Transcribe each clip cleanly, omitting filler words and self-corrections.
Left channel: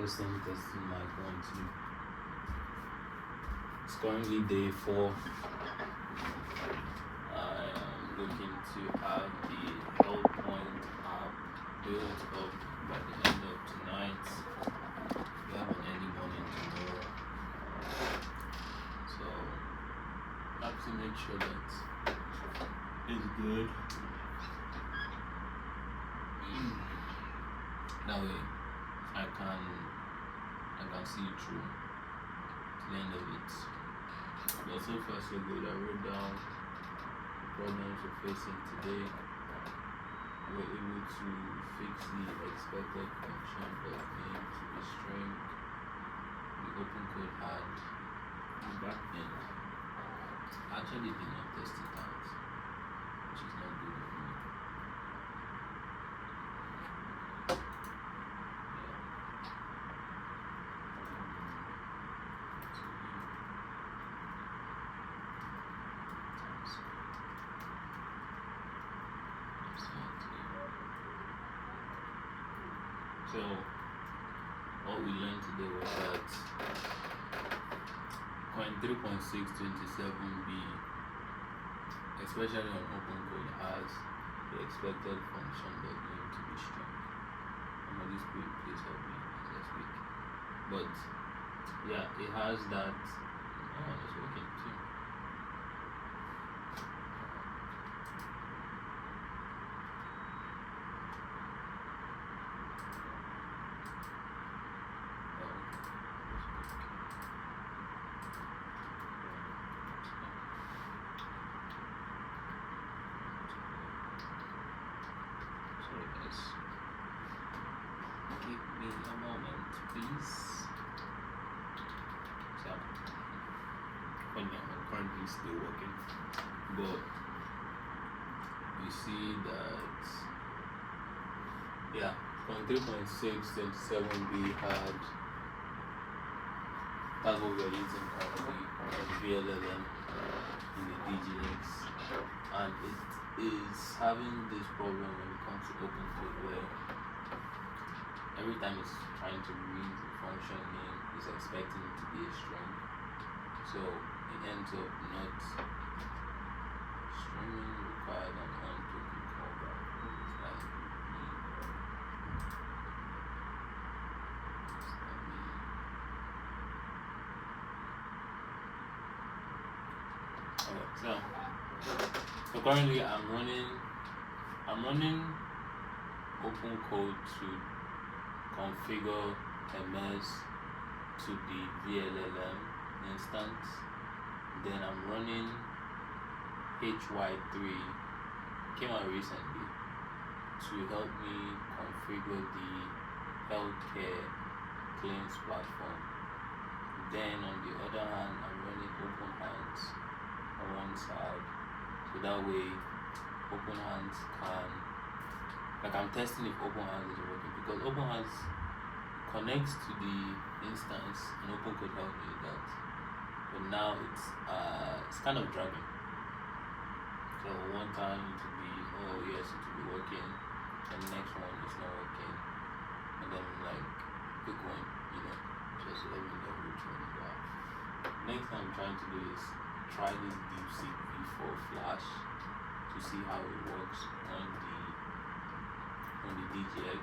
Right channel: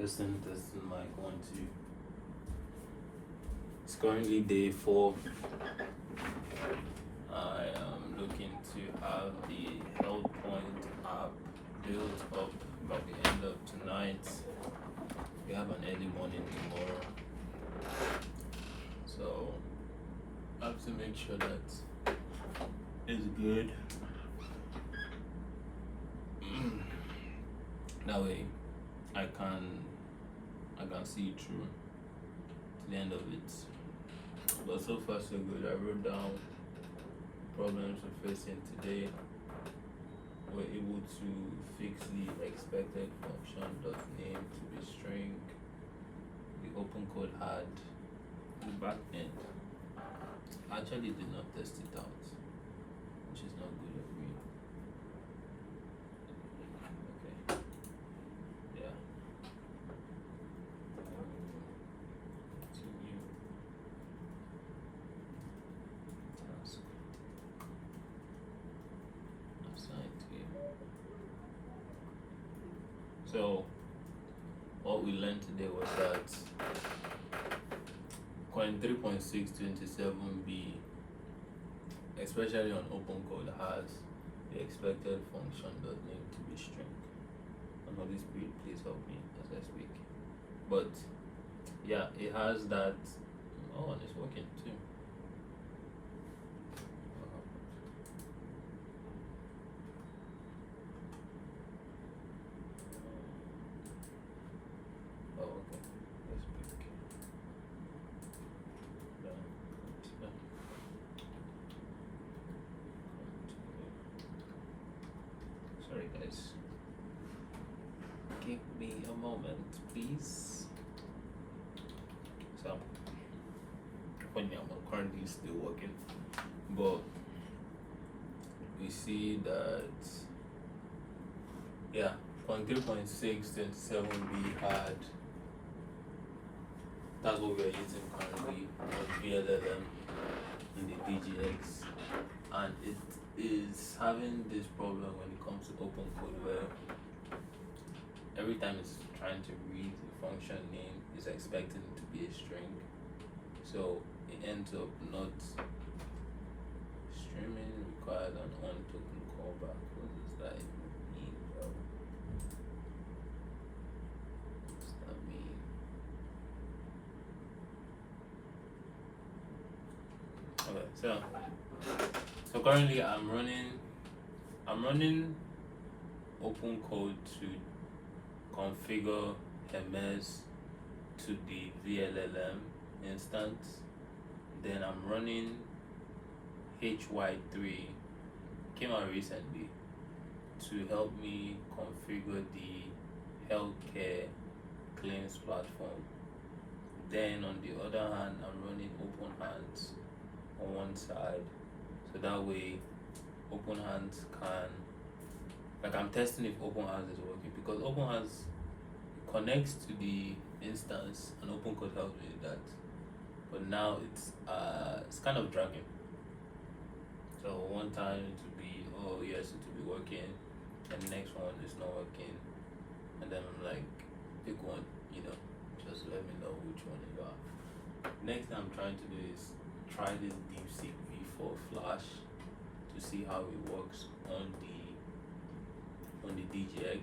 Testing, mic 1, 2. It's currently day 4. I am looking to have the Health Point app built up by the end of tonight. We have an early morning tomorrow, so I have to make sure that it's good. That way I can see it through to the end of it. But so far so good. I wrote down the problems we're facing today. We're able to fix the expected function .name to be string. The open code had the back end. I actually did not test it out, which is not good of me. So what we learned today was that coin 3.627B, especially on OpenCode, has the expected function .name to be string. And Holy Spirit, please help me as I speak. But yeah, it has that. Oh, it's working too. Sorry guys, give me a moment please. So funny, I'm currently still working, but we see that yeah, 3.627B that's what we're using currently, VLLM in the DGX, and it is having this problem when it comes to OpenCode where every time it's trying to read the function name, it's expecting it to be a string, so it ends up not streaming required an on-token callback. What does that mean, bro? What does that mean? Okay, so currently I'm running OpenCode to configure MS to the VLLM instance. Then I'm running HY3, came out recently, to help me configure the healthcare claims platform. Then on the other hand, I'm running OpenHands on one side, so that way OpenHands can, like, I'm testing if OpenHands is working, because OpenHands connects to the instance and OpenCode helped me with that, but now it's kind of dragging. So one time it will be, oh yes, it will be working, and the next one is not working, and then I'm like, pick one, just let me know which one is that. Next thing I'm trying to do is try this DeepSeek V4 Flash to see how it works on the DGX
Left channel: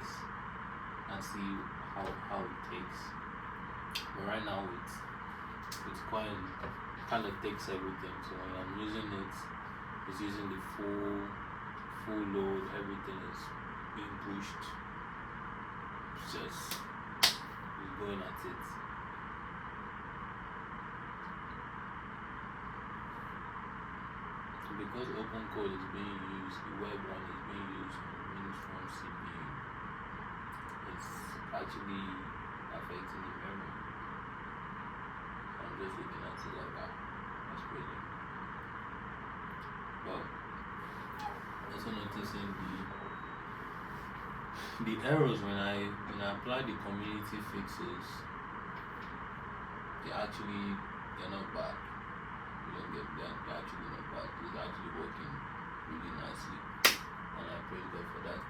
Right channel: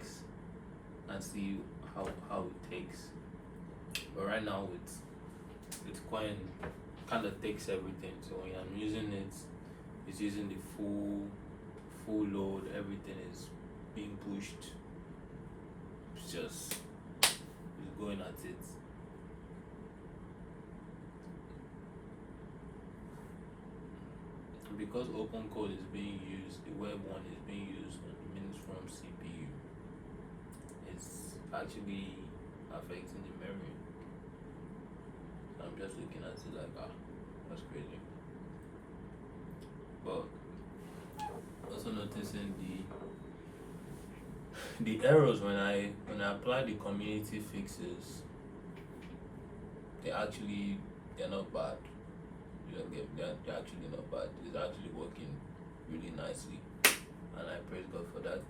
and see how it takes. But right now it's quite kind of takes everything. So when I'm using it, it's using the full load. Everything is being pushed. It's going at it. Because OpenCode is being used, the web one is being used on Mainframe CPU. It's actually affecting the memory. I'm just looking at it like that. That's crazy. But also noticing the errors when I apply the community fixes. They're not bad. They're actually not bad. It's actually working really nicely, and I praise God for that.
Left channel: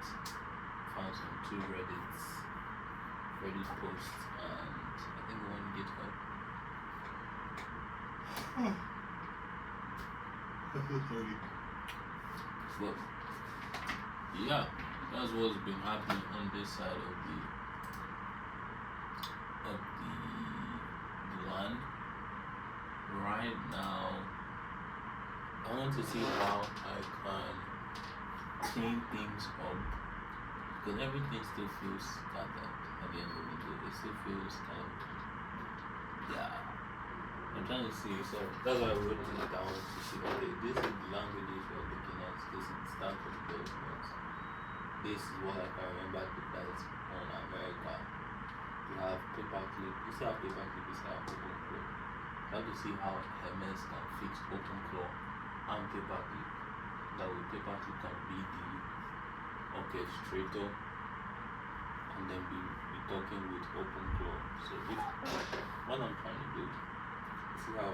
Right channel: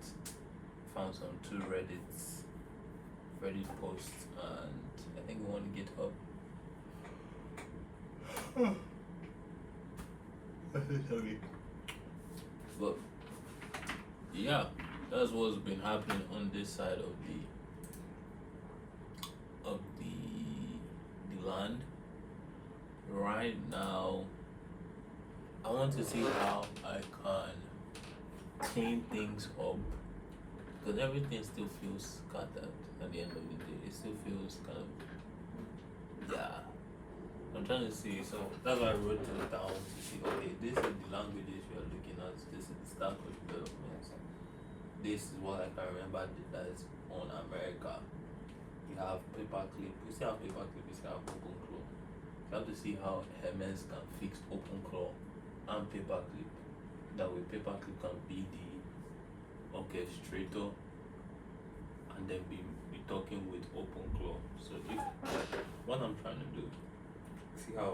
Found some 2 Reddits Reddit post and I think one GitHub. Sorry. But yeah, that's what's been happening on this side of the land. Right now, I want to see how I can clean things up because everything still feels scattered at the end of the day. It still feels kind of, yeah. I'm trying to see, so that's why I wrote it down to see, okay, this is the languages we're looking at, this is the start of the documents. This is what I can remember that is on America. We have paperclip, we still have paperclip, we still have OpenClaw. You have to see how Hermes can fix OpenClaw and paperclip. That way paperclip can be the orchestrator and then be talking with OpenClaw. So if what I'm trying to do, see how,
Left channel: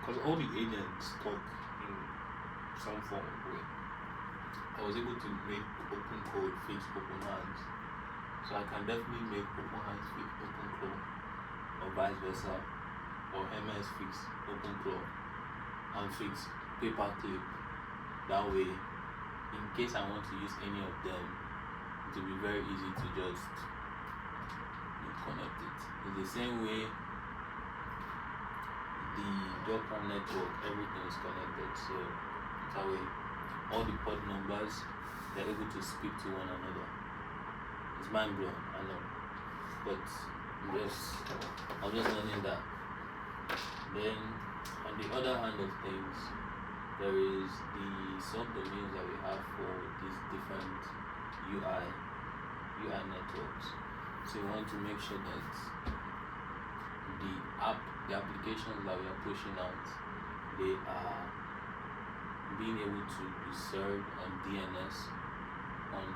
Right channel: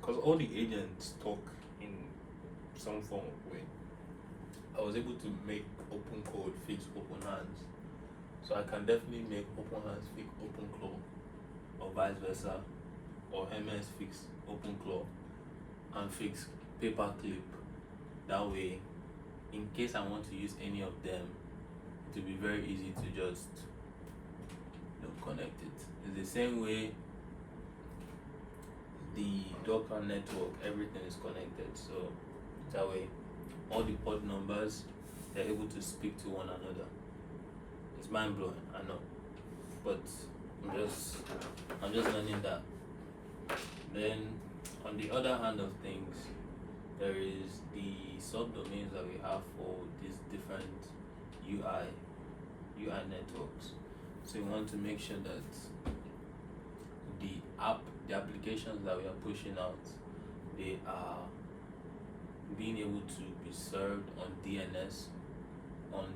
because all the agents talk in some form of way. I was able to make OpenCode fix OpenHands, so I can definitely make OpenHands fix OpenClaw, or vice versa, or Hermes fix OpenClaw and fix paperclip. That way, in case I want to use any of them, it will be very easy to just connect it. It's the same way the Docker network, everything is connected, so that way all the port numbers, they're able to speak to one another. It's mind blowing, I know, but I'm just learning that. Then on the other hand of things, there is the subdomains that we have for these different UI networks. So we want to make sure that the applications that we are pushing out, they are being able to be served on DNS on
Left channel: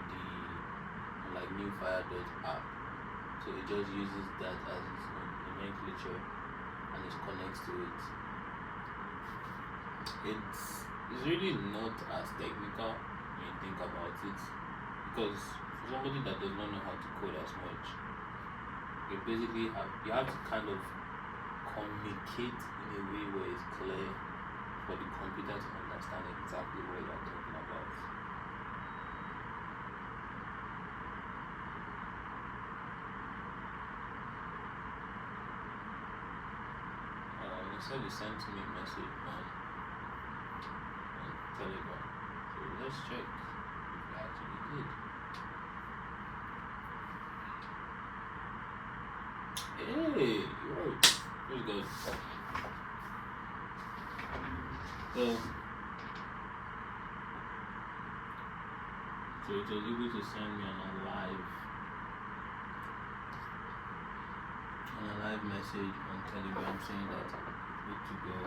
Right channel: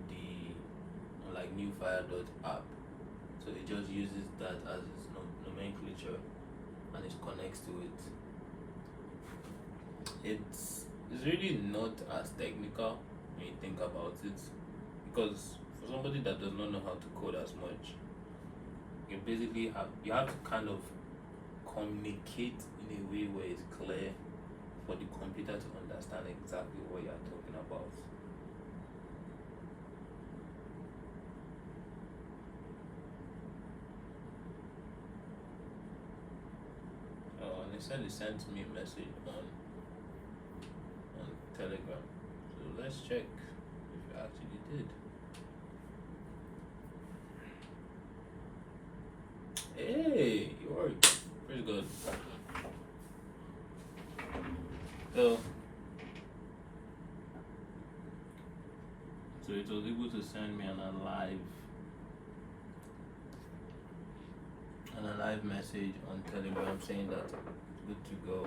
like newfire.app. So it just uses that as its nomenclature and it connects to it. It's really not as technical when you think about it, because for somebody that does not know how to code as much, you basically have to kind of communicate in a way where it's clear for the computer to understand exactly what you're talking about. They said they sent me a message on Telegram, so let's check if it actually did. Hey, you're pretty good. So it was able to send me on a live message on Telegram saying that good to go.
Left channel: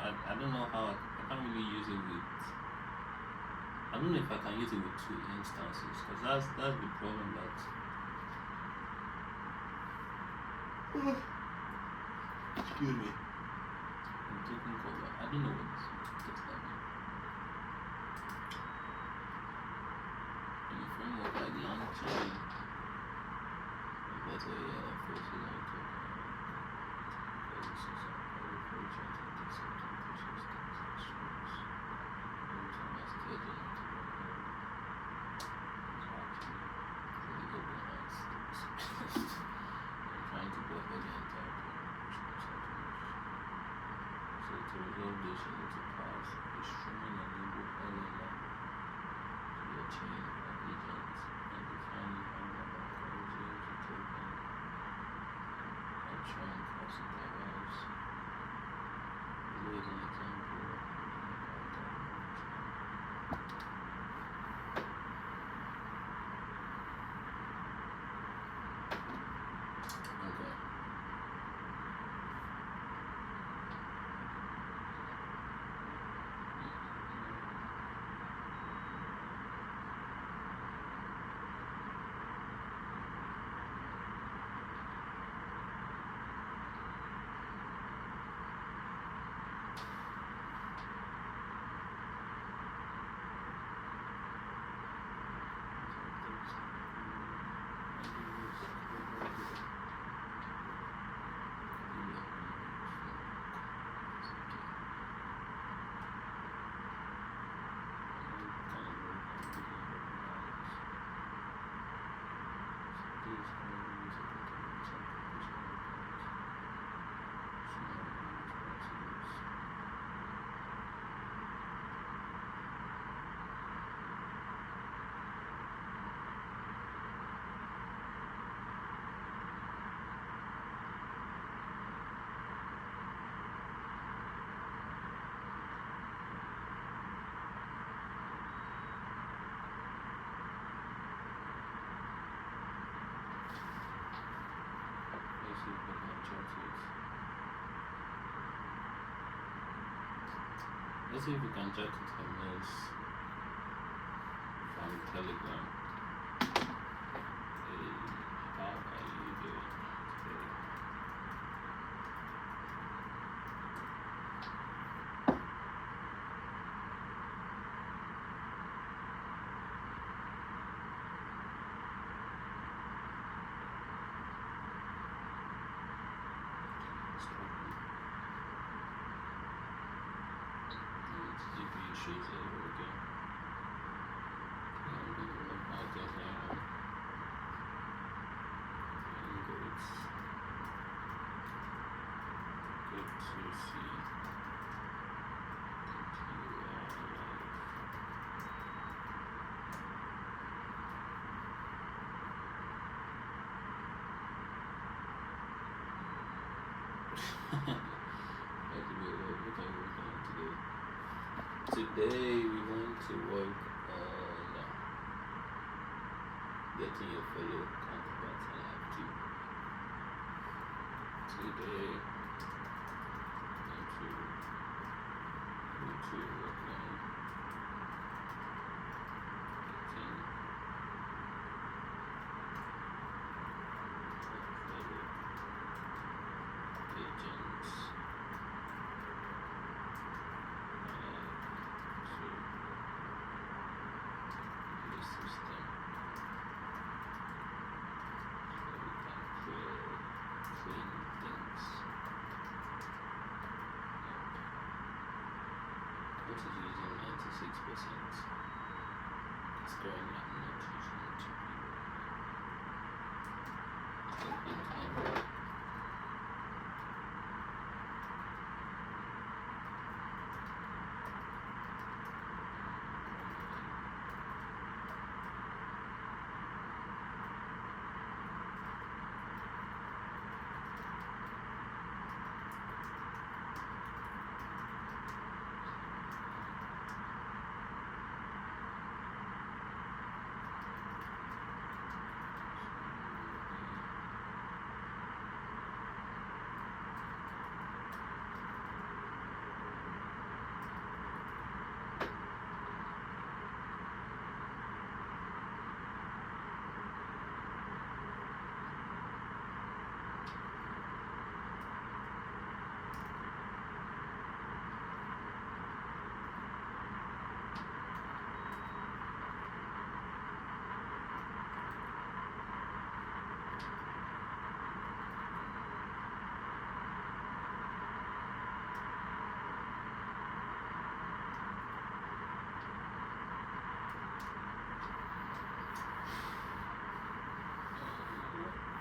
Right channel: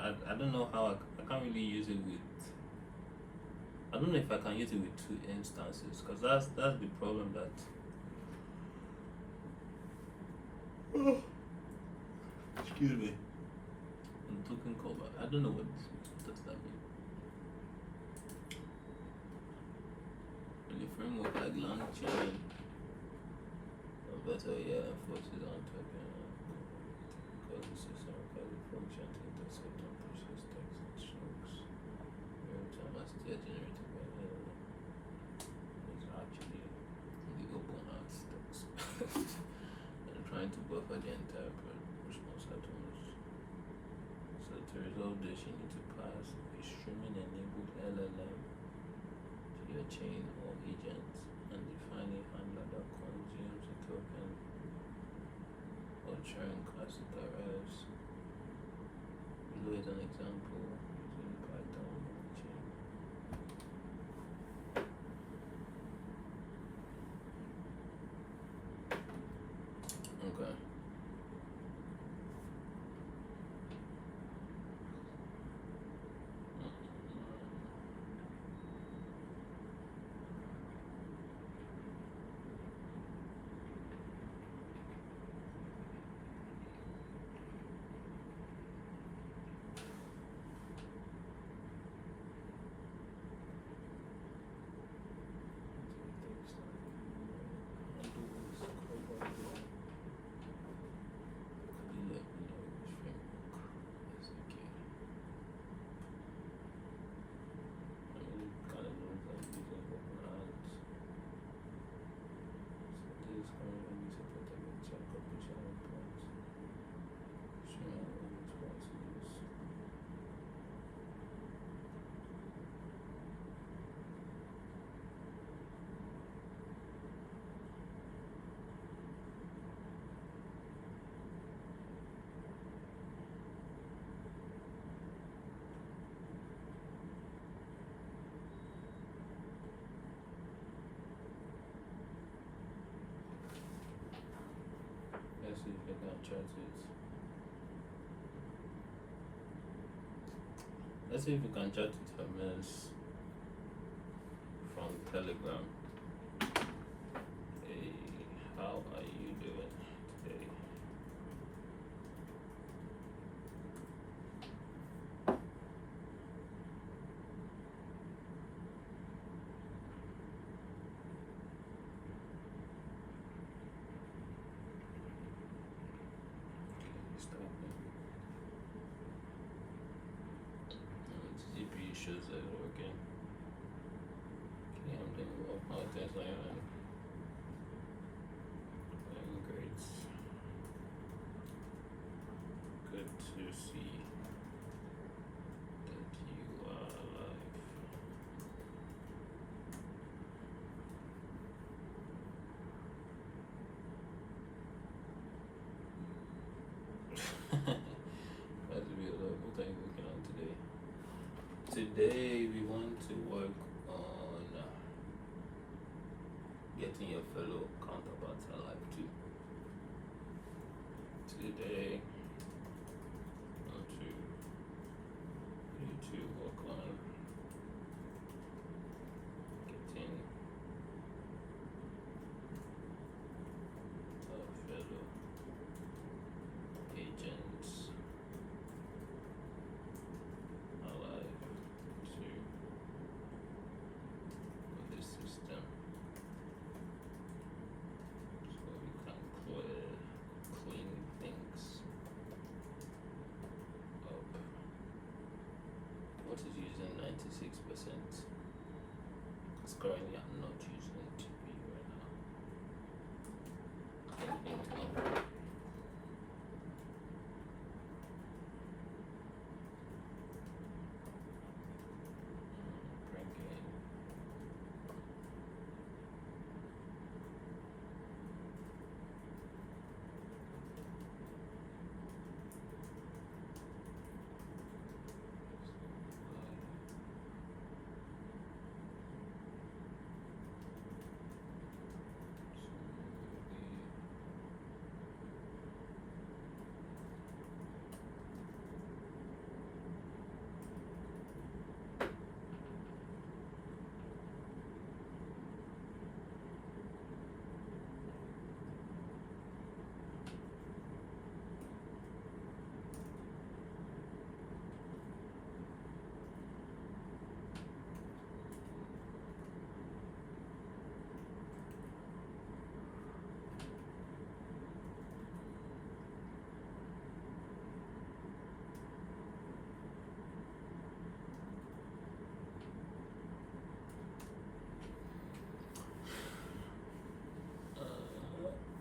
I don't know how I can't really use it with. I don't know if I can use it with two instances, because that's the problem that. Excuse me. I'm taking cover. I don't know what does that mean. In the framework like LangChain, or better, yeah, forces on token. Because this is a very project with the certain persistence and strokes. Every time I still generated by error, it's actually the open line steps. I'm trying to buffer the entire response items. So to resolve this, you need to pass a streaming enabled LLM to your chain or agent and define a handler that calls you to token or train classifiers. Below is an example in Python chain. Okay. chat it. Let's see if we can chat with Hermes from Telegram. Hey, how are you doing today? GPU shows error again. Yeah, I'm doing well. How's that going? I'm great. Good to see that you are alive. That's real. What are you working on today? Today we want to work on getting your fellow counterparts alive too. Today we want to work on getting our fellow agents alive to the system so we can clean things up. What is using 96%? It's currently I'm not using it to be right now.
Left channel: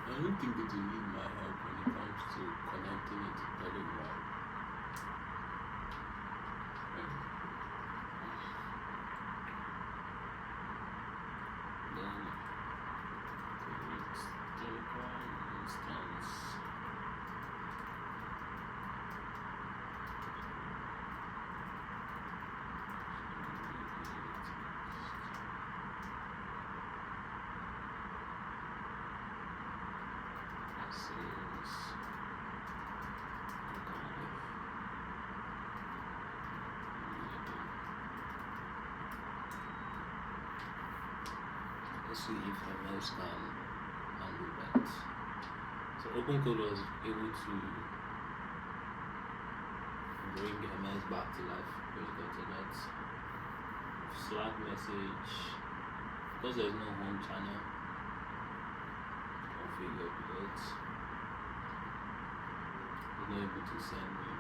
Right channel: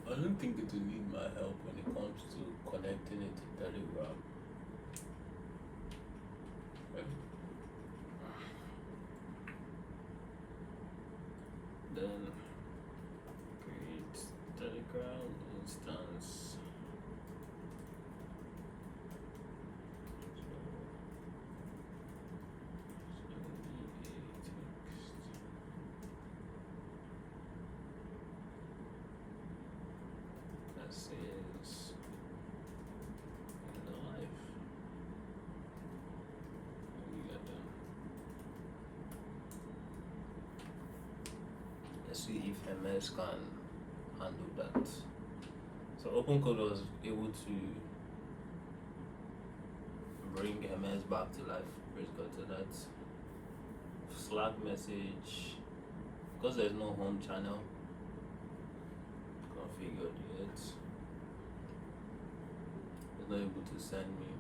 I don't think it will need my help when it comes to connecting it to Telegram. Right? Then create Telegram instance. Let's see if Hermes can handle that. So OpenCode was able to bring Hermes back to life. Praise God to that. Slack message, because there's no home channel, configured it. It's not able to send me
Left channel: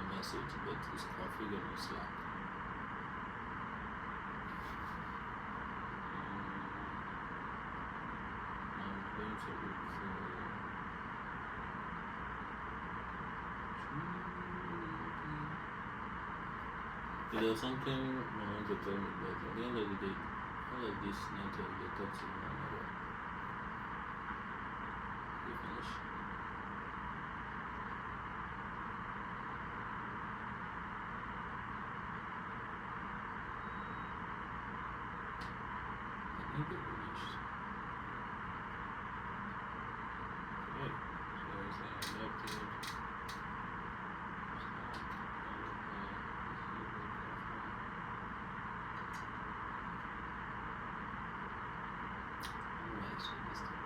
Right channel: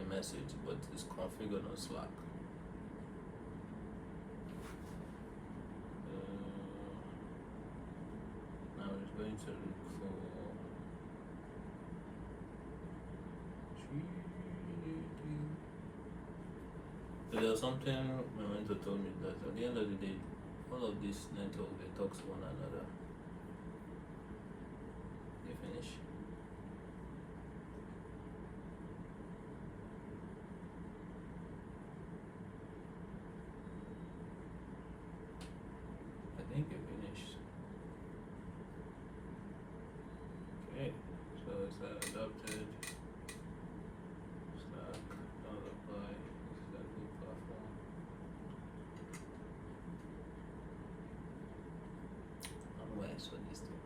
a message, but it's configured on Slack. Now it's going to look for so there was something my mentor told me that at the end of the day, all of these networks they talk to one another. You finish? I think they finished. Okay, so accepted. It's not apply. Accepted platform. How do I set this thing?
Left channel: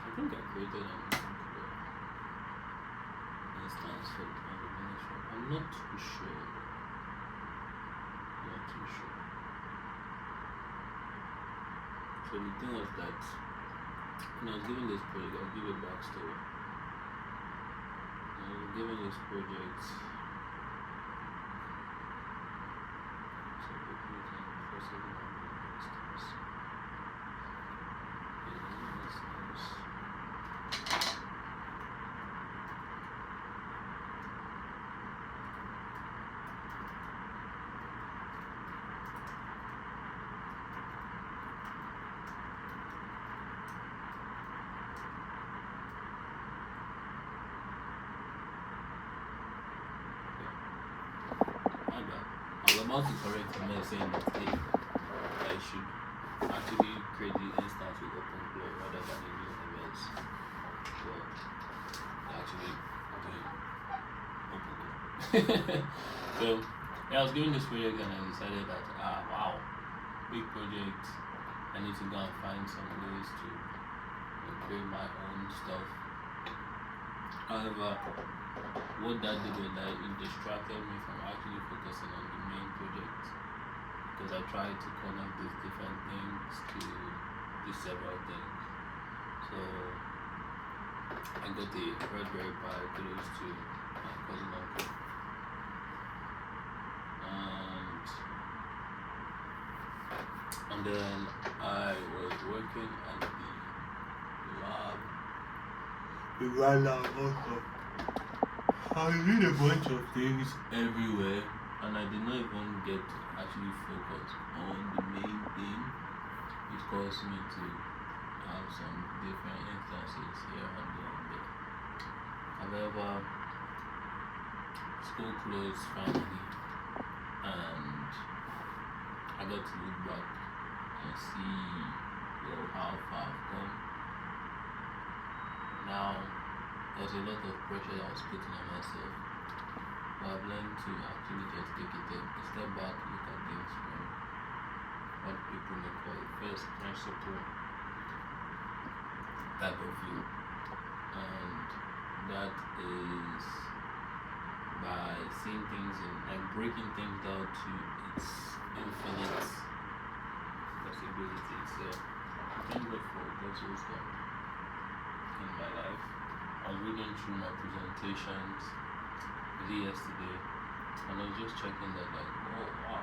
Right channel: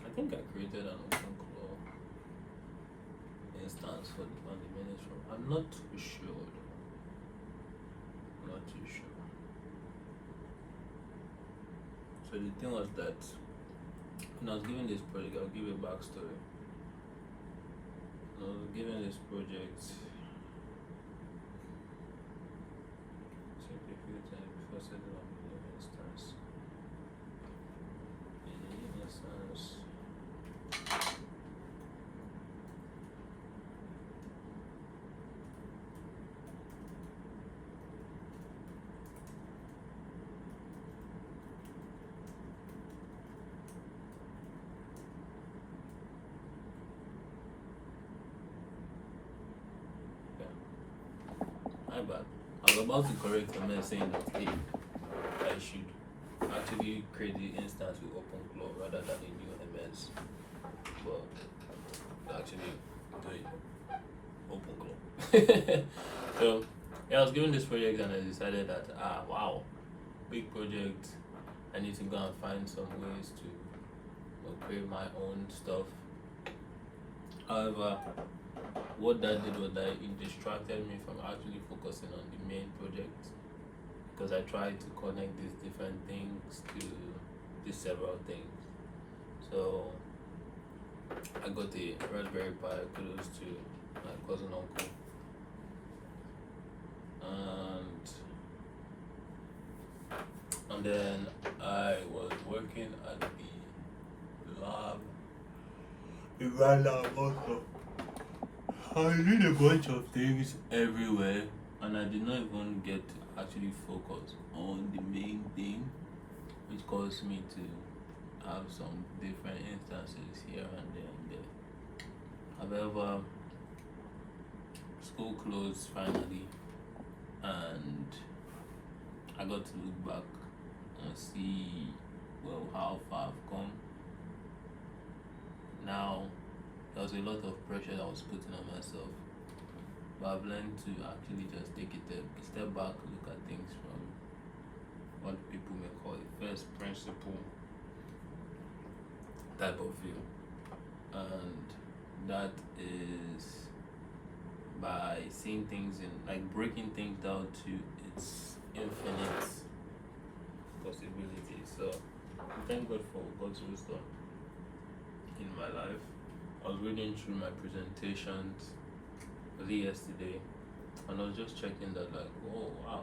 I think I created an OpenClaw instance for the administration. I'm not too sure. Not too sure. So the thing was that when I was given this project, I'll give you a backstory. When I was given this project, so people can first of all instance. My bad. I was about to correct a man saying that hey, I should actually create the instance with OpenClaw rather than a new MS. But actually doing OpenClaw. So yeah, I was given this project and I decided that wow, big project. I need to go and find some ways to create my own stuff. However, what that did was that it distracted me from actually focusing on the main project, because I tried to connect these different things to these several things. So I got the Raspberry Pi, kudos to my cousin uncle, and then I was working at the lab. We ran out also. I did a bunch of things everywhere, and I did not even get to actually focus on the main thing, which caused me to have some different instances here and there. However, school closed finally, and I got to look back and see how far I've come. Now, there was a lot of pressure that was putting on myself, but I've learned to actually just take a step back, look at things from what people may call a first principle type of view, and that is by seeing things in, like, breaking things down to its infinite possibilities. So thank God for God's wisdom in my life. I was reading through my presentations yesterday, and I was just checking that, like, oh wow,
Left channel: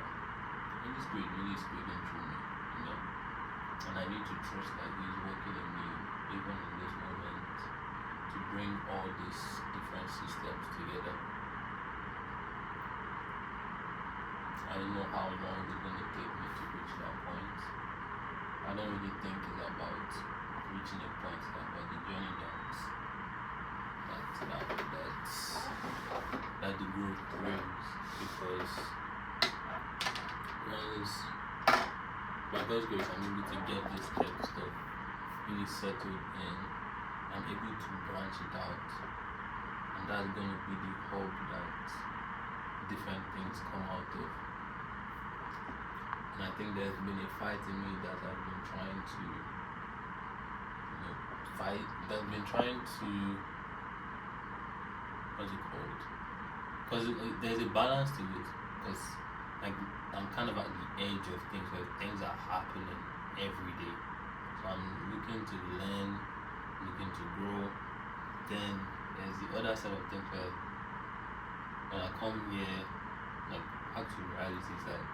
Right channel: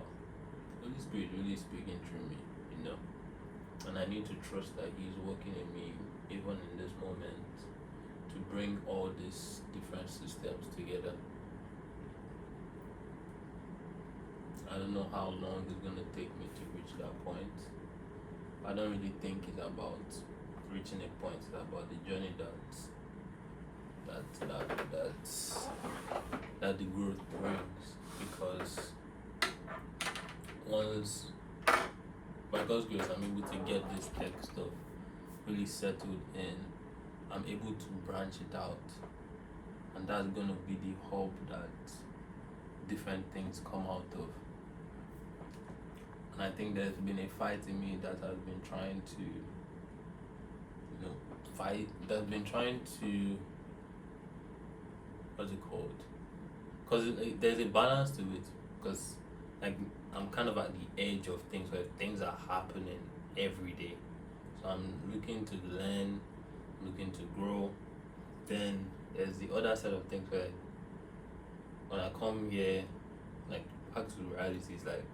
Holy Spirit really speaking through me, and I need to trust that He's working in me even in this moment to bring all these different systems together. I don't know how long it's going to take me to reach that point. I don't really think it's about reaching a point, it's about the journey that the growth brings, because once, by God's grace, I'm able to get this tech stuff really settled in, I'm able to branch it out, and that's going to be the hub that different things come out of. And I think there's been a fight in me that I've been trying to fight, that's been trying to, what's it called? Because there's a balance to it, because like I'm kind of at the edge of things where things are happening every day. So I'm looking to learn, looking to grow. Then there's the other side of things where when I come here, like back to reality, it's like,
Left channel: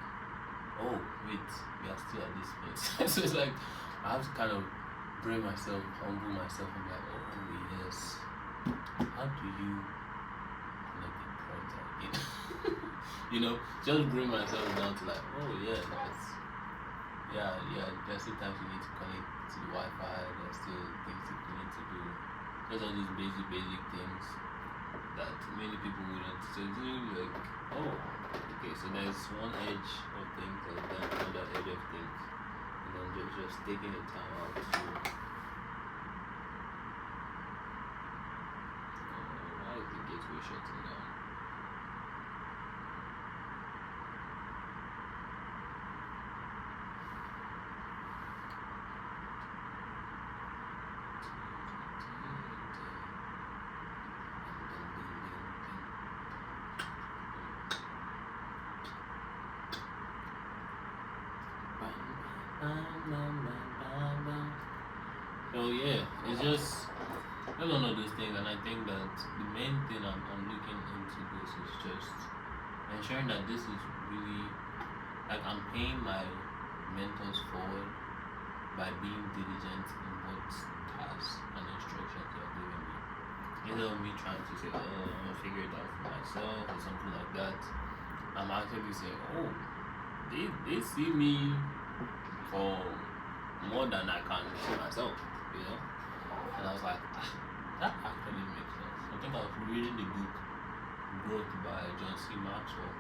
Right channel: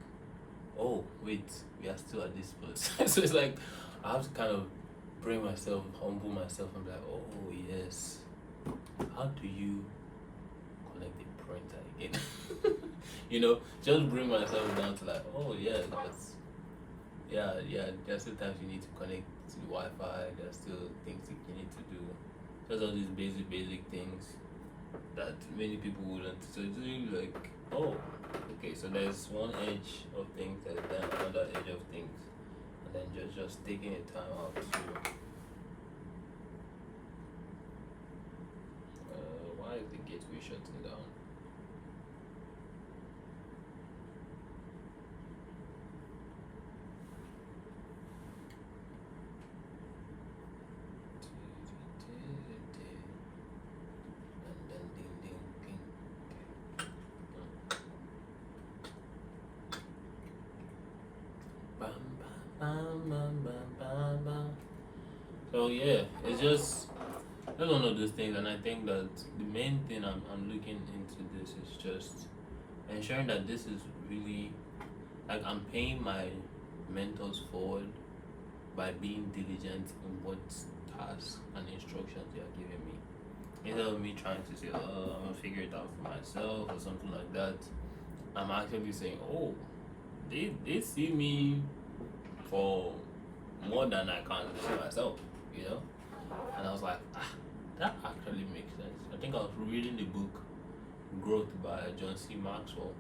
oh wait, we are still at this place. So it's like I have to kind of bring myself, humble myself, and be like, oh yes, how do you connect the pointer again? just bring myself down to like, oh yeah, yeah. There's still times you need to connect to the Wi-Fi. There's still things that you need to do. Just all these basic things that many people wouldn't. So it's really like, oh, okay. So there's one edge of things, there's then another edge of things, and then just taking the time out to. Why is the gateway shutting down? So yeah, it's just one of those things, and I think that the main thing I'm looking into this is just ensuring that this is really like I'm paying my mentors forward by being diligent in what tasks and instructions they are giving me. Instead of me trying to say, oh, I'm gonna figure it out for myself or something like that, I'm actually saying, oh, they see me for more than I can see myself. And I was like, that actually makes sense. I think I was reading the book Growth by John C. Maxwell,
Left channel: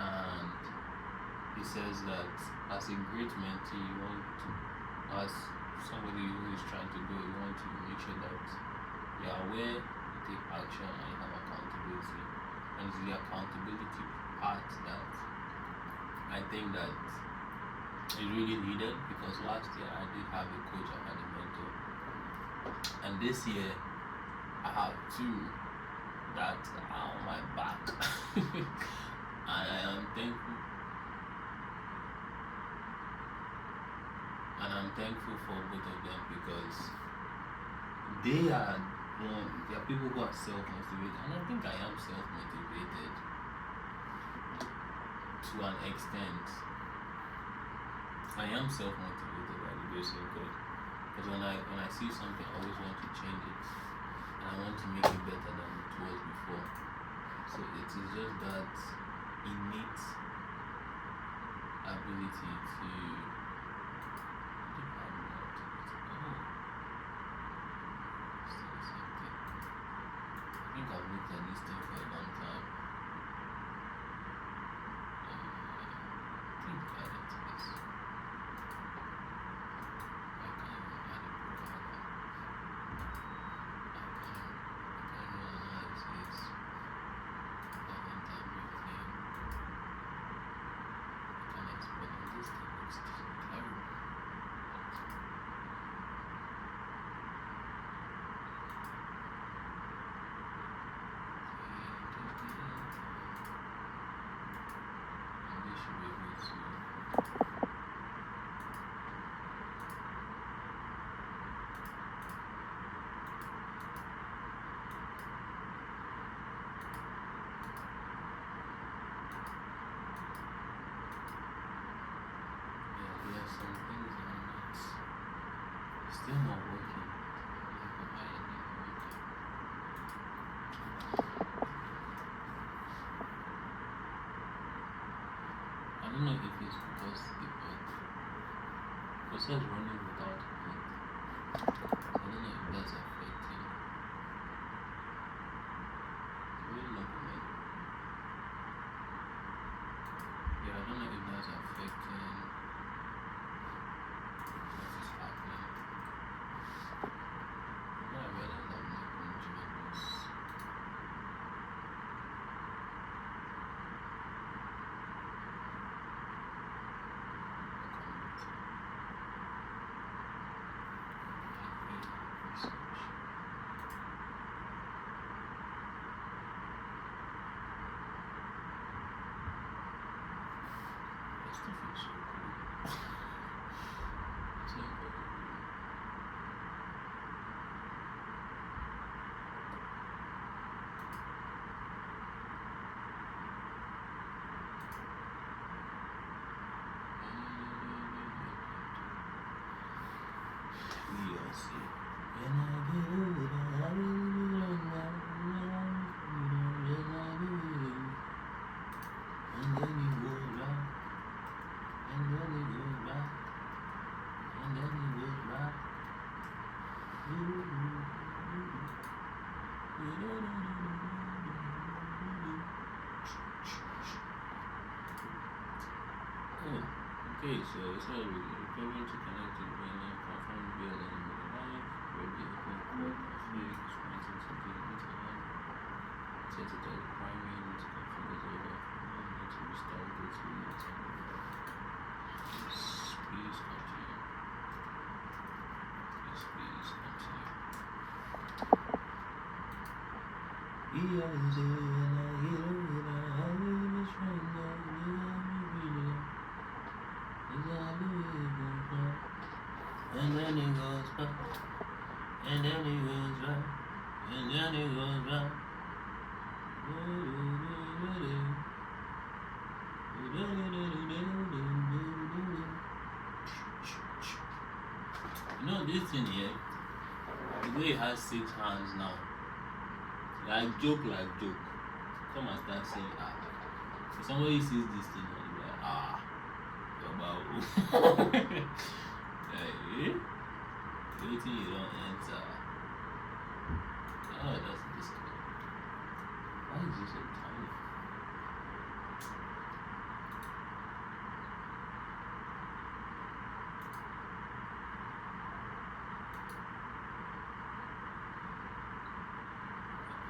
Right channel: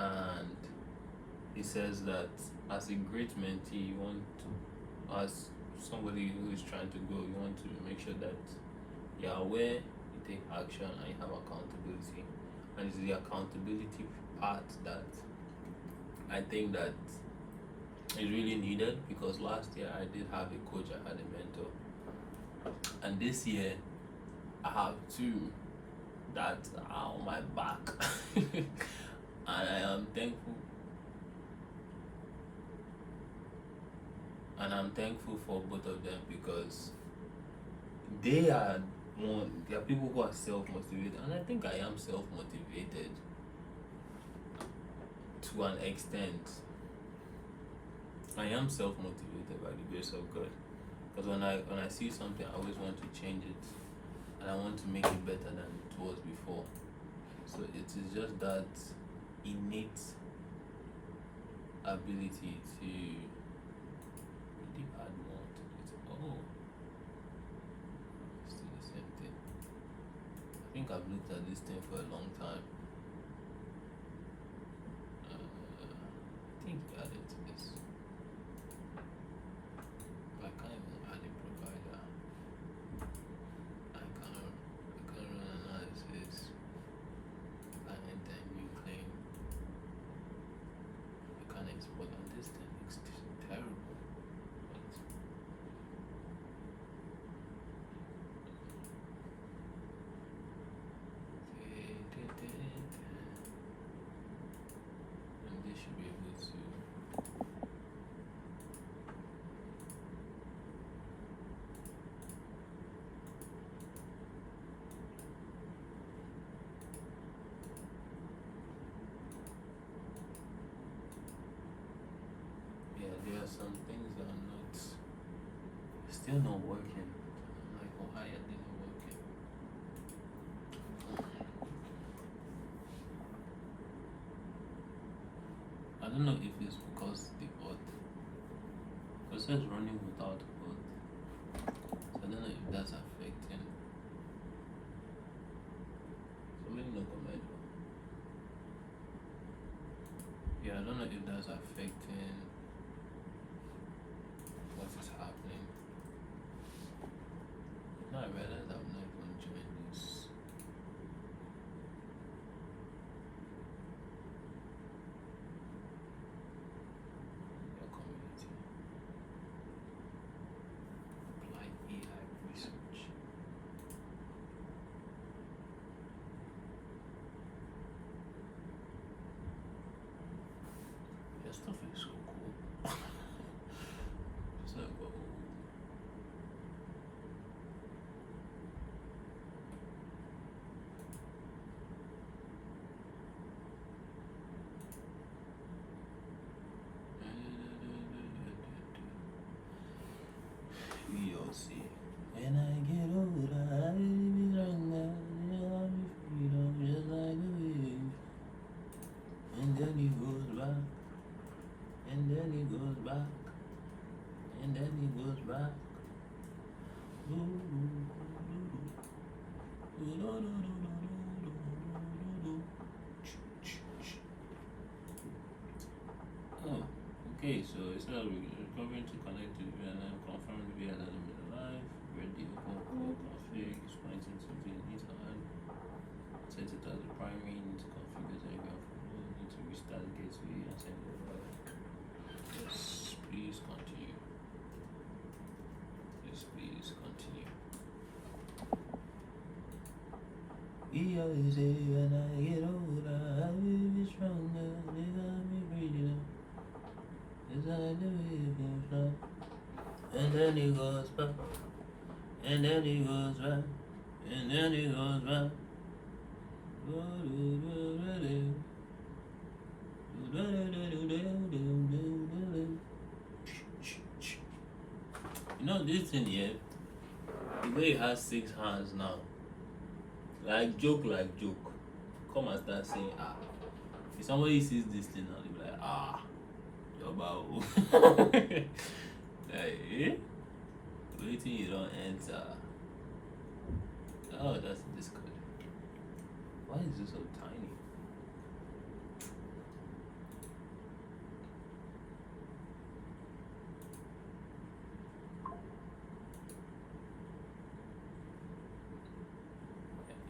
and he says that as a great mentee, you want to, as somebody who is trying to grow, you want to make sure that you're aware, you take action, and you have accountability. And it's the accountability part that I think that is really needed, because last year I did have a coach, I had a mentor, and this year I have two that are on my back. And I am thankful. And I'm thankful for both of them, because they are people who are self-motivated, and I think I am self-motivated to an extent. I am self-motivated by the grace of God, because when I see something, I always want to change it, and I want to make it better than it was before. So it is just that innate ability to add more to it. Oh, still the same thing. I think I've looked at this thing for a long time. I think I added to this. I can't even add a provider. I can't run analysis. I went and everything. I can't export on this thing. It's terrible. And this should be able to. Yeah, there are some things that are not still not working. Like, why are they not working? I don't know if it's because the process running without code. So I don't know if that's affecting. Really look at my. Yeah, I don't know if that's affecting what is happening. Now I realize I'm not going to join this. Community. Applied AI research. That stuff is so cool. It's like, we'll see. When I get older, I will be stronger. Just like you. Oh, okay, so it's not really going to connect to the line, confirm to be a line in the live, ready, open, core, config, it's pointing to the this line, set it as the primary, need to configure the area for me, need to restart gateway and send the live. Yes, please continue. Yes, please continue. Yeah, is it, and I get older, I will be stronger, you got me breathing. And then it goes back, and then it goes back, and then it goes back. You know this thing here, the way it has 6 hands now, like joke. Come and start saying if somebody sees this thing now, they'll be like your bow. Like, waiting you don't enter. Oh, that's disgusting. Why is this so tiny?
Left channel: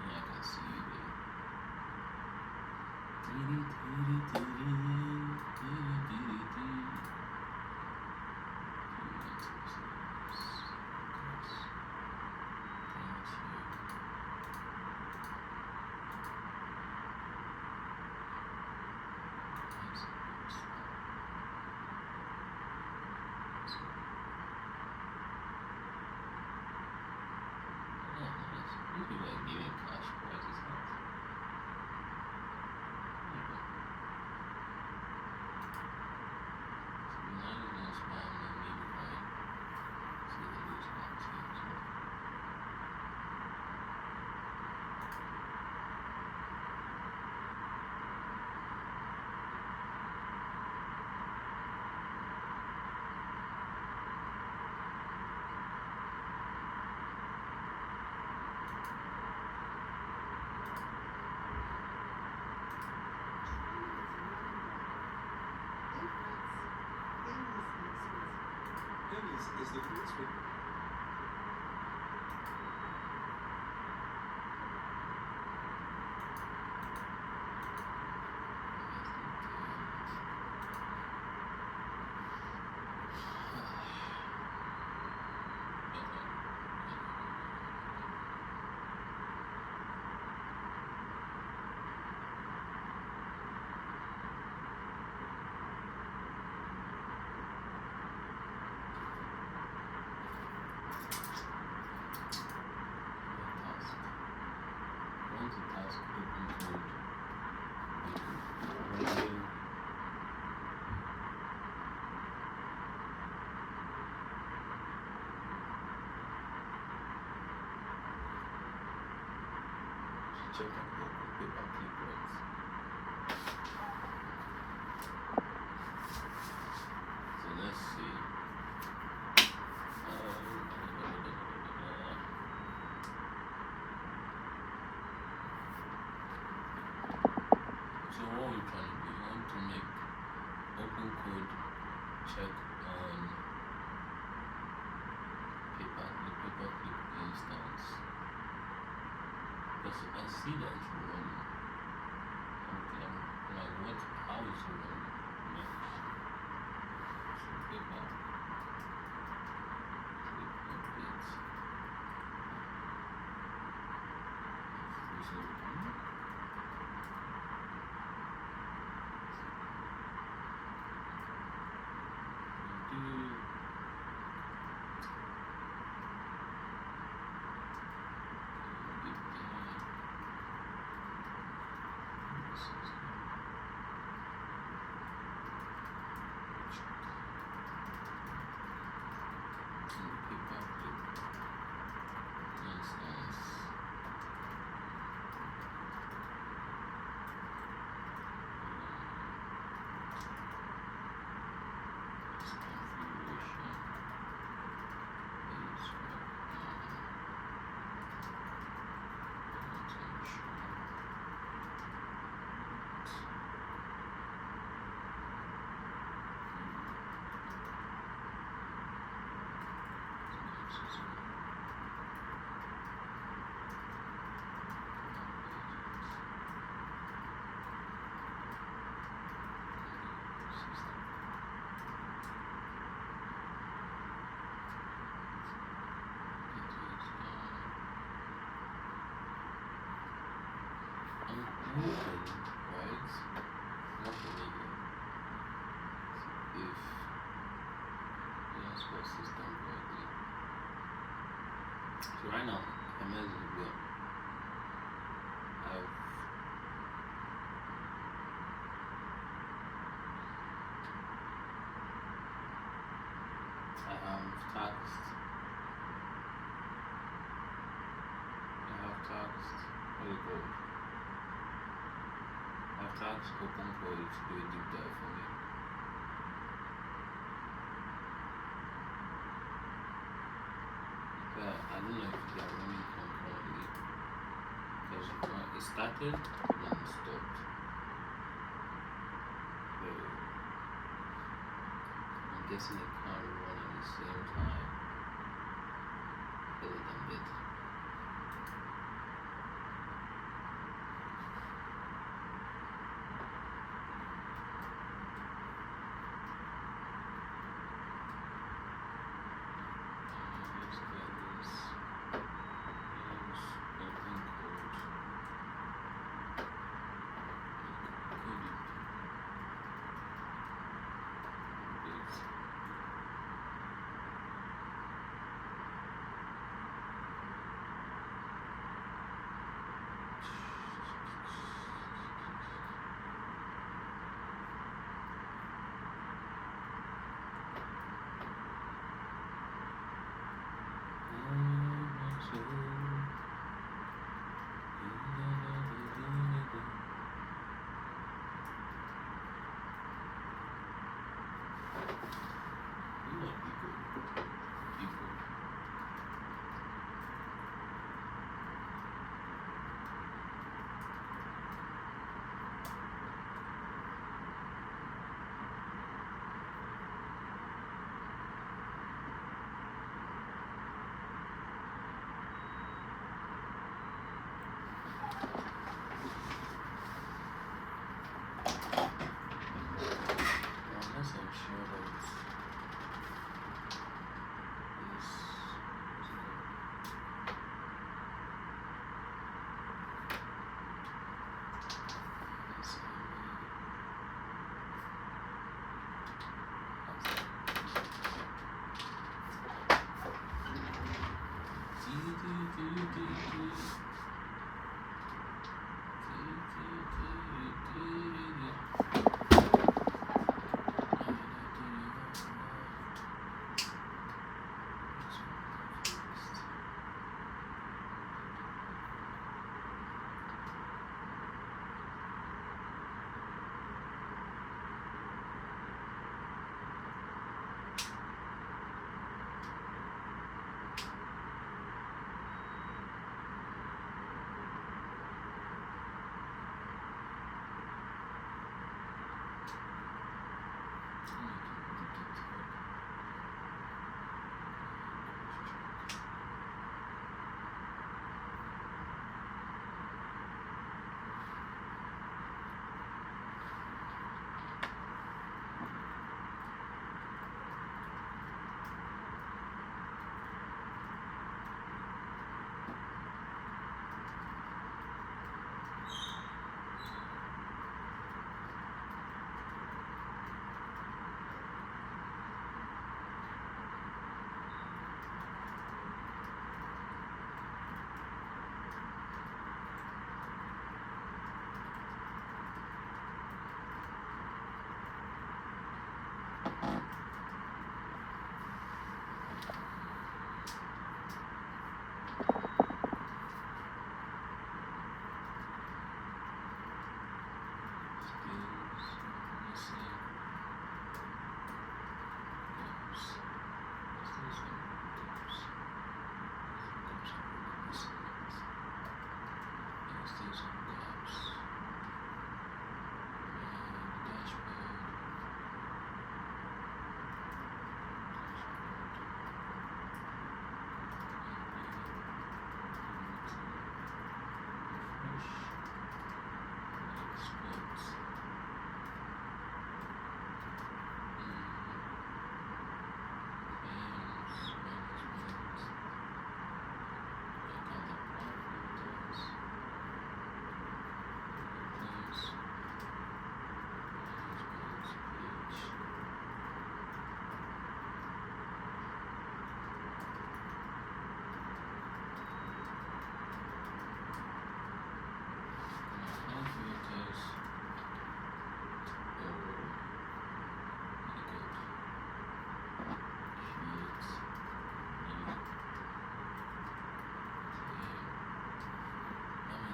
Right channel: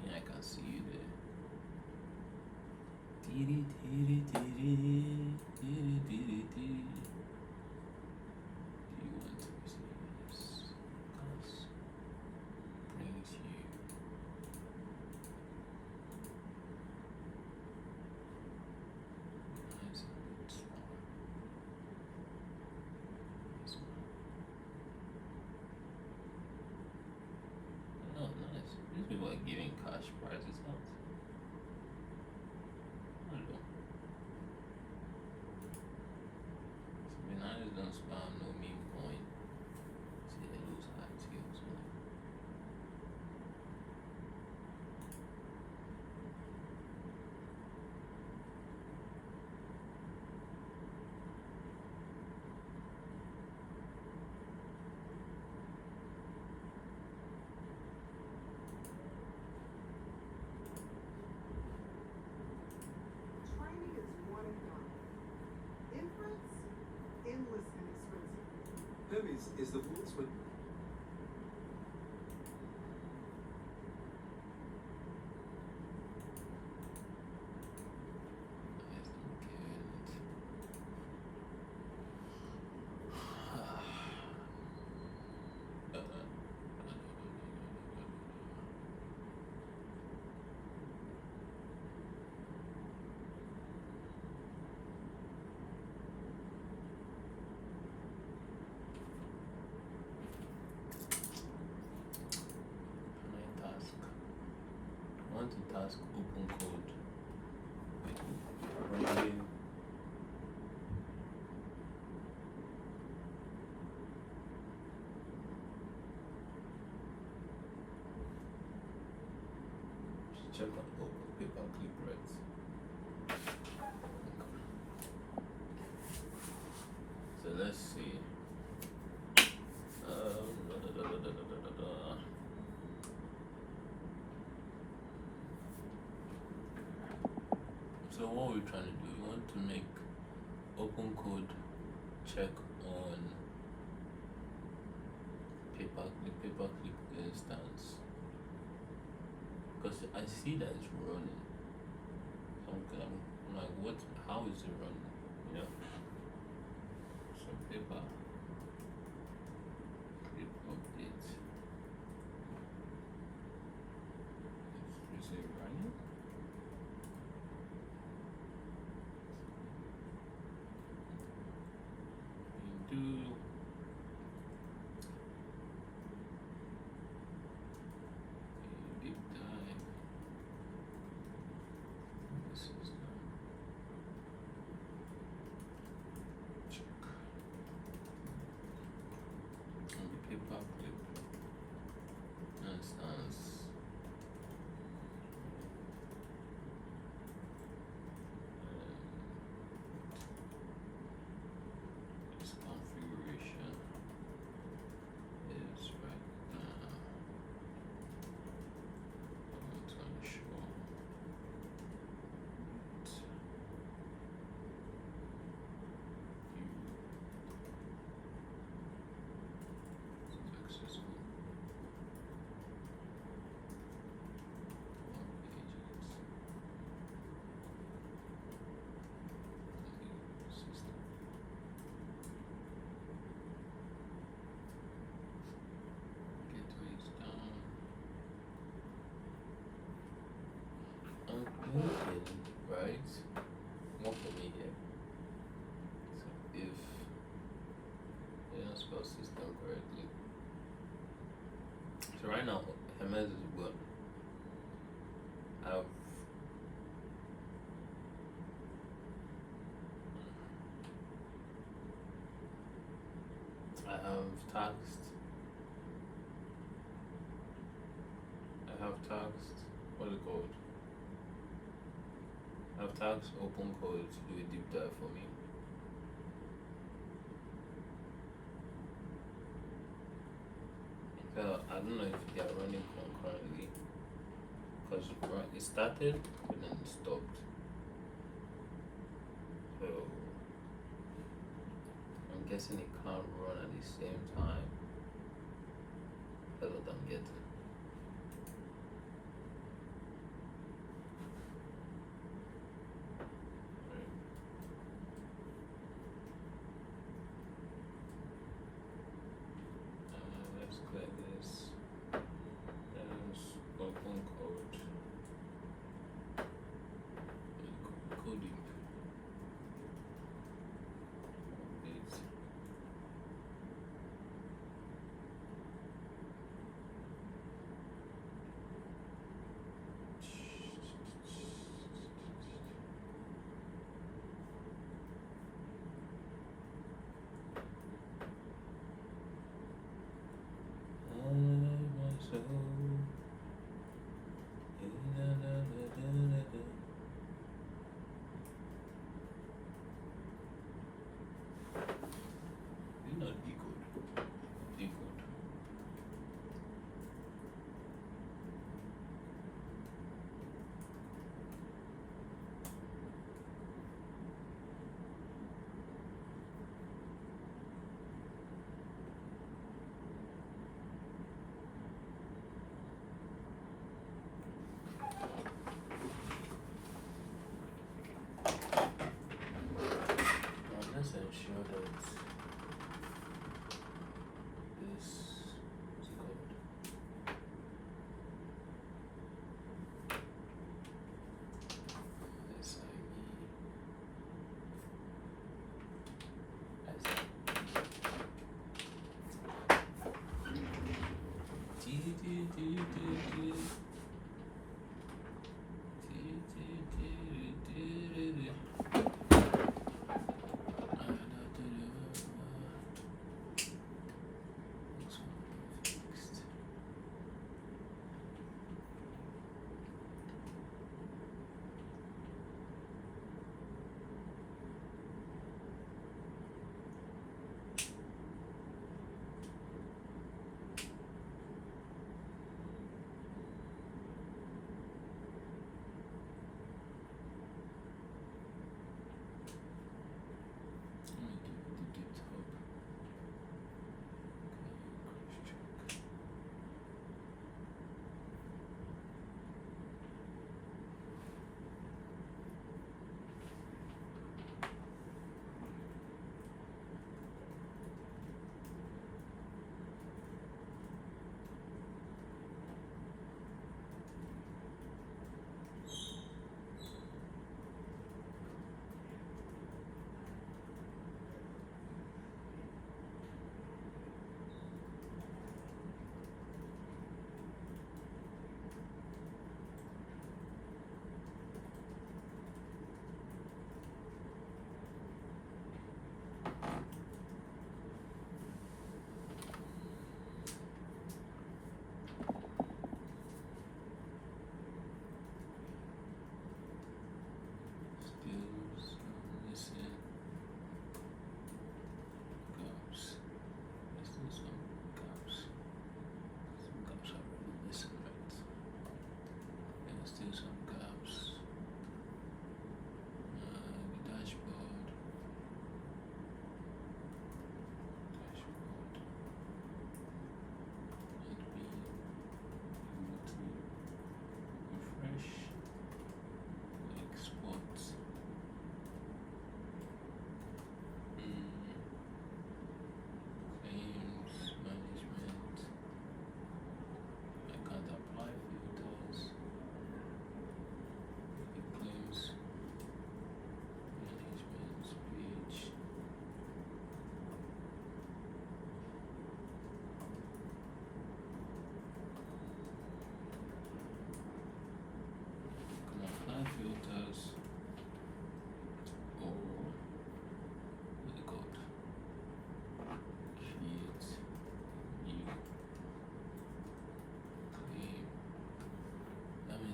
Yeah, I can see you there. Oh, nice. These people are giving cash prizes, huh? There you go. So we now don't spam no meme coin. See they lose that too. So. Is the policeman. Task open code radio check and open paper clip rights. So let's see. So what we're trying to do, we want to make open code check on the paperclip instance, because I see that it's running. Okay, I'm like, how is it running? You know? So paper clip update. Is it running? moving, right? More familiar. If you're not supposed to start correctly. So right now, Hermes is well. I've I have taxed what do you call it? I've taxed open code to do a deep dive for me. I don't know if they are running concurrently because it started and then it stopped. So I'm guessing it can't run at the same time other than getting. Let's clear this. There's open code. Code it. Update. You know, people. Unless I'm sure that this is good. Let's see. How's that?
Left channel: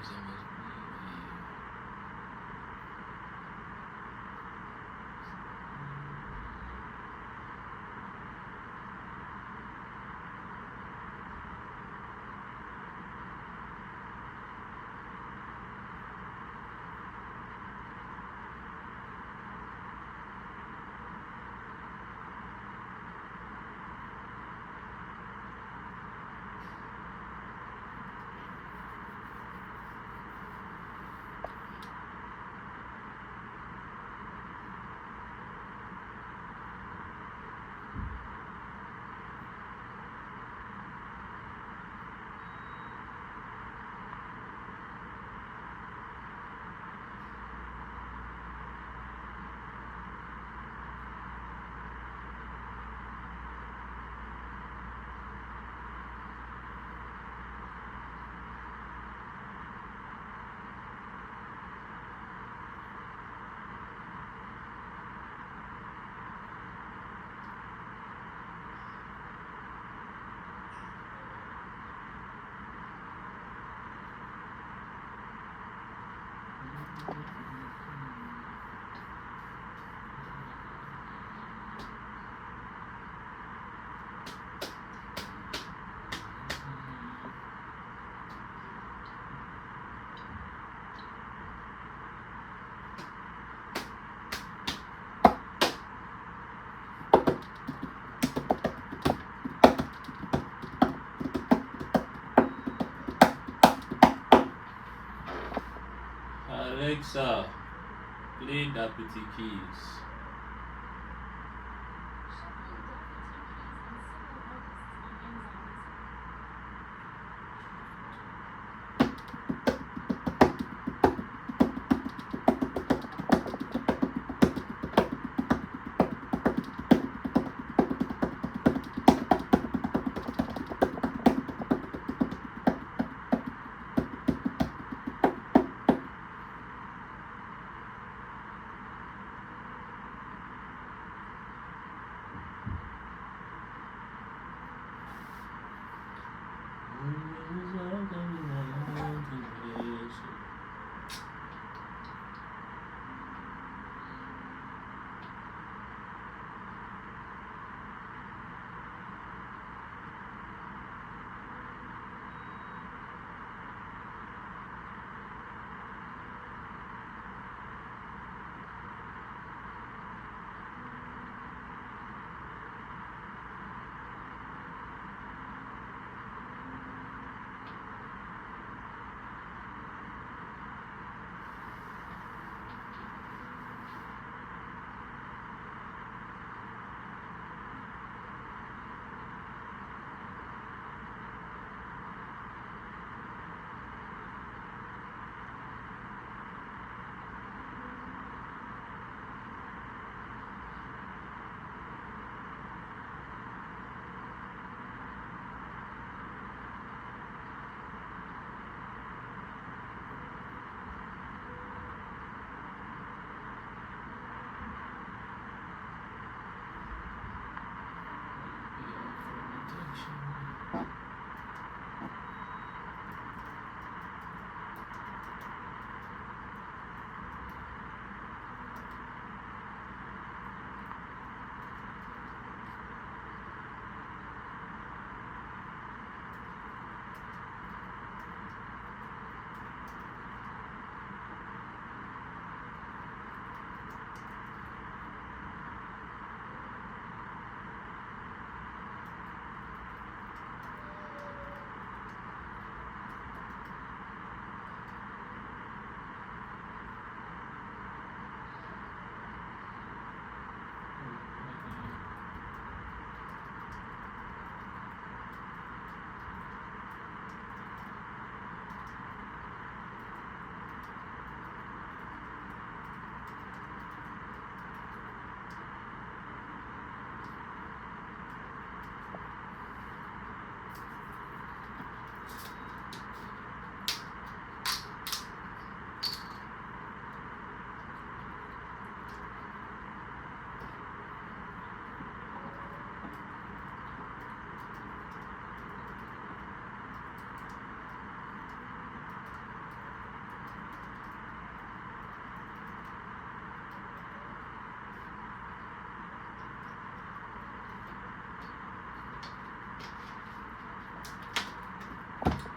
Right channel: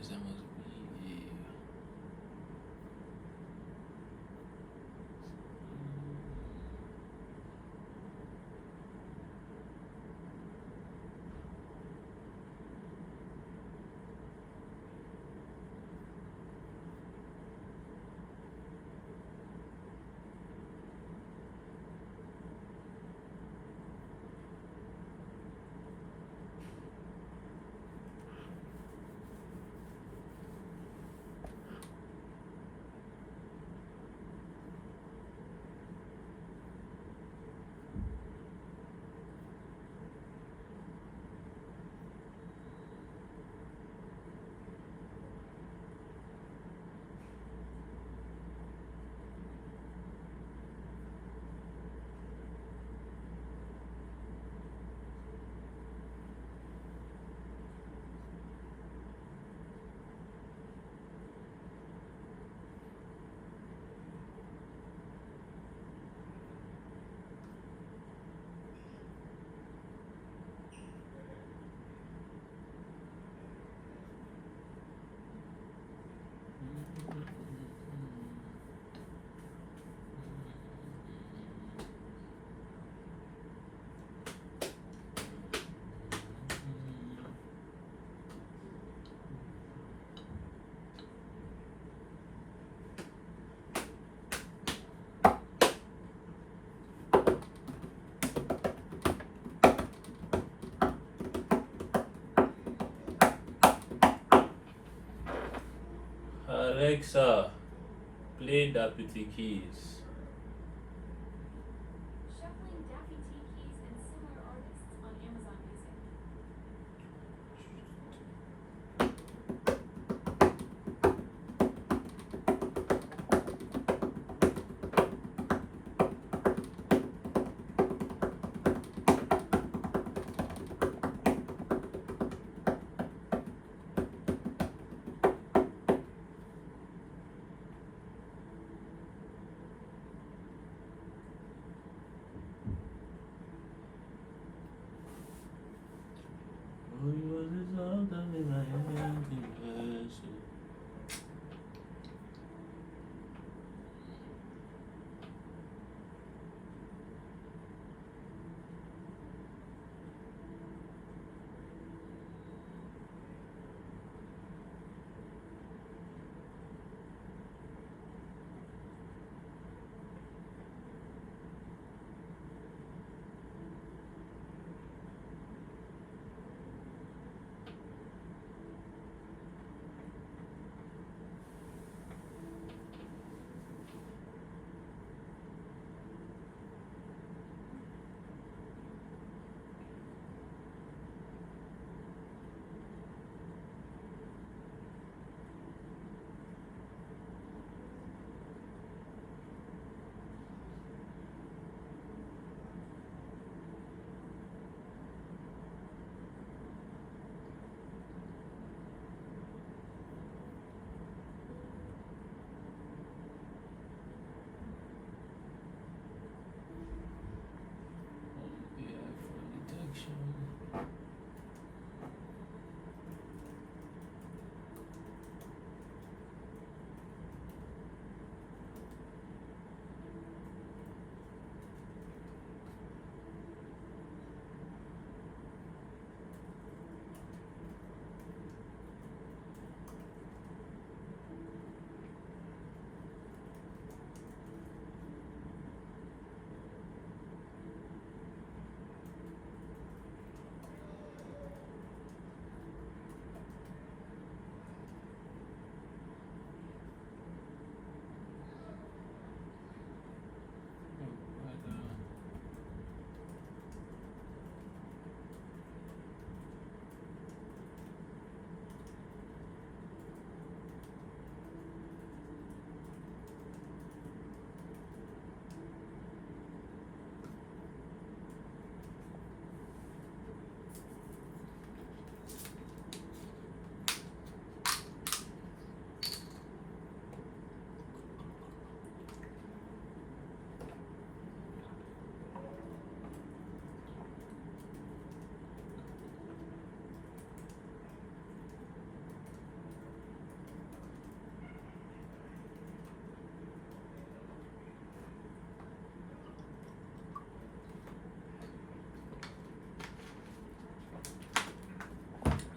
there must be Alexa, play Deputy Keys.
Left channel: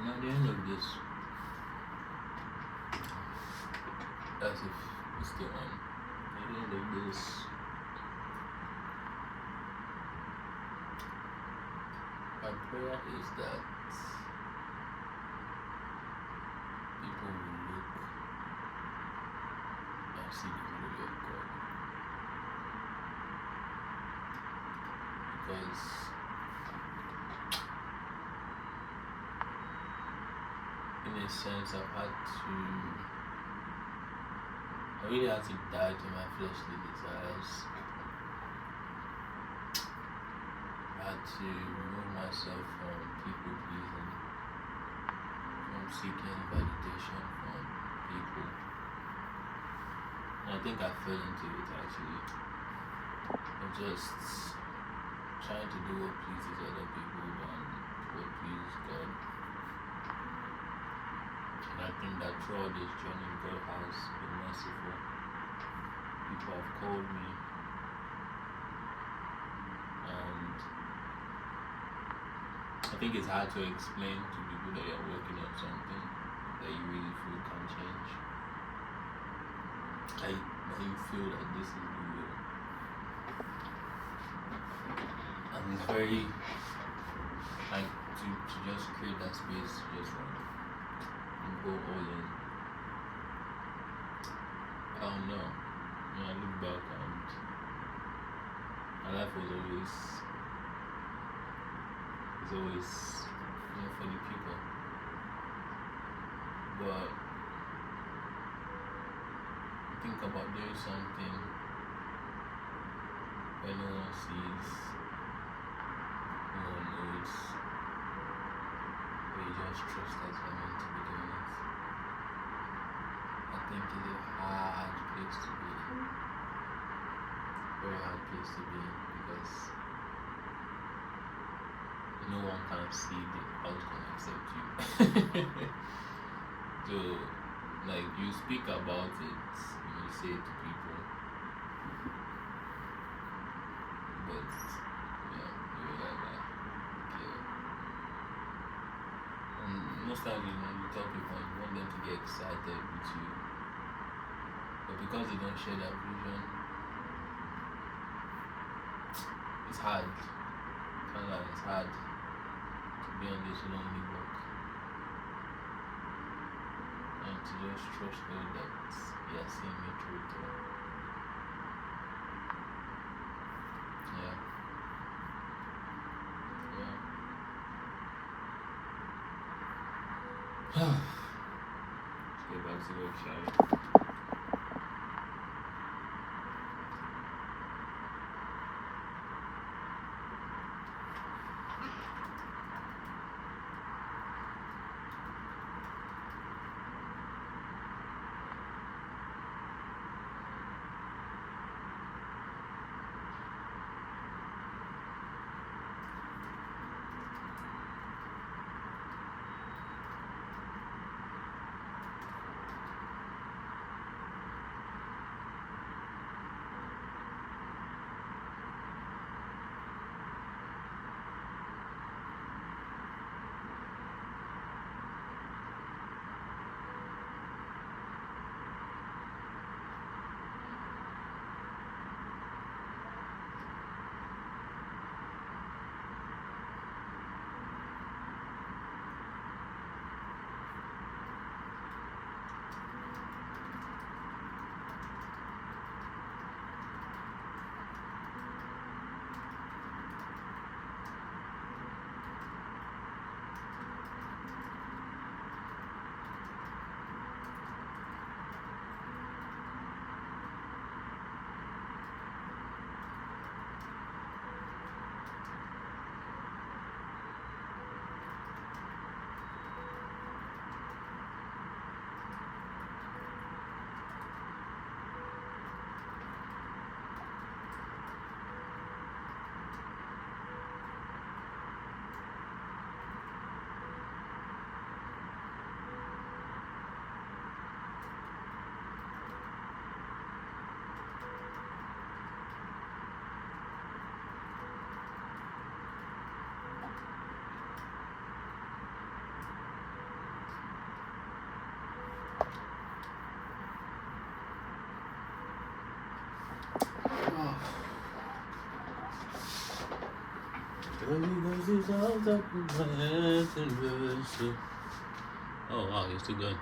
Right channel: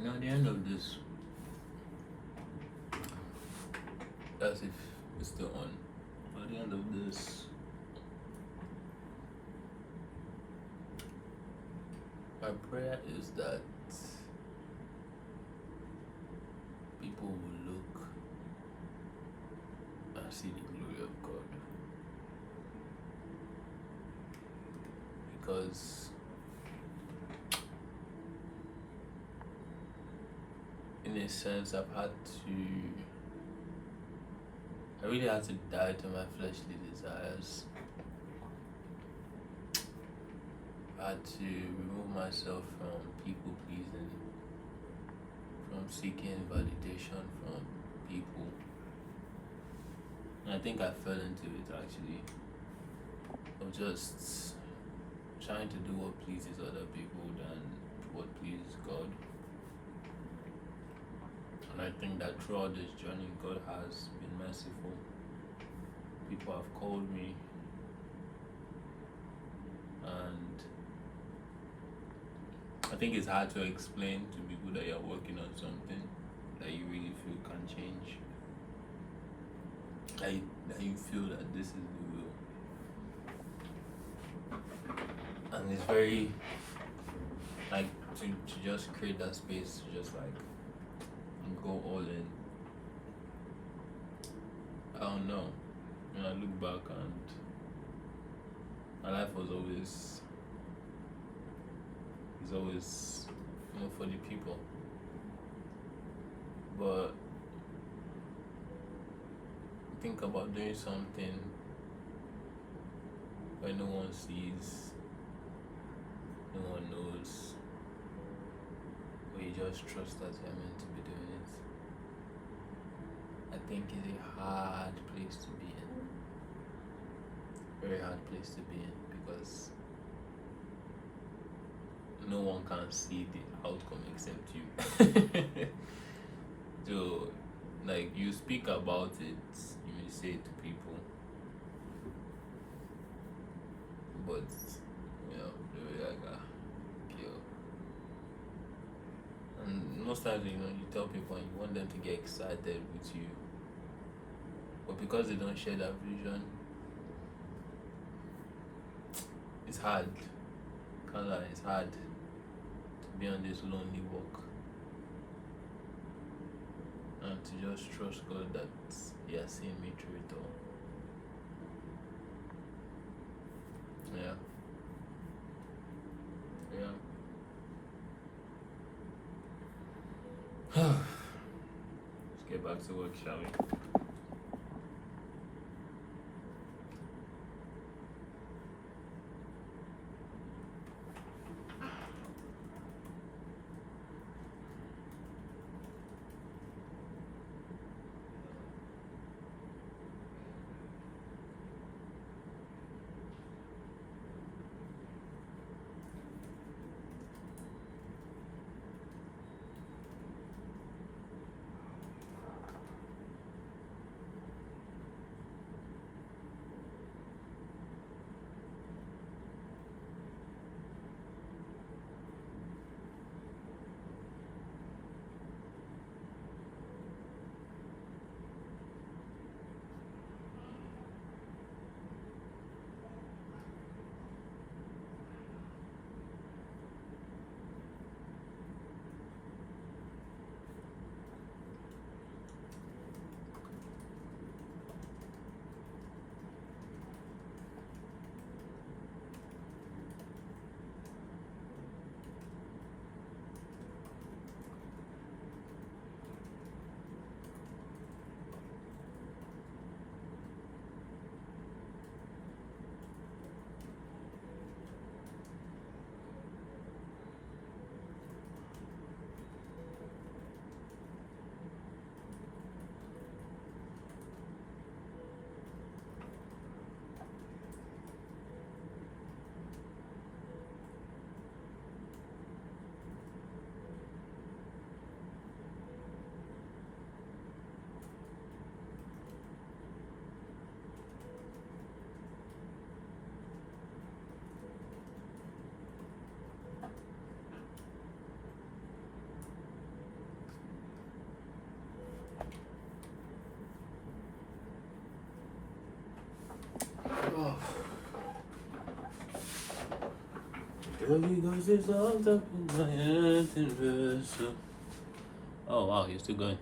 at the end of this, as if it's still on. At the end of this, my prayer is that people will look and see the glory of God. Because in a sense, I really had to die to my fleshly desires. I had to remove myself from people pleasing, from seeking validation from people. And I think I fell into it actually, of just trying to do what pleases other people than what pleases God. And I think that throughout this journey, God has been merciful. People have called me, and I think it's hard to explain to people that you're working on something that you really feel can change. That you feel that this is the will. And it's very, like, to just create that space, to just like go all in. I don't know. When I look back, and my life was always for the people. But you think about doing something where no one sees, no one knows, where you just trust that you're meant to be doing it. I think it's a hard place to be in. Very hard place to be in, because no one can see the outcome except you. So, like, you speak about it, you say it to people, but you're like, and most times, you tell people and you want them to get excited with you, but because they don't share that vision, it's hard. Can't lie, it's hard to be on this lonely walk and to just trust God that He has seen me through it all. Yeah. Let's get back to work, shall we? Holy Ghost is all up in my head and worship. Oh wow, you're still going.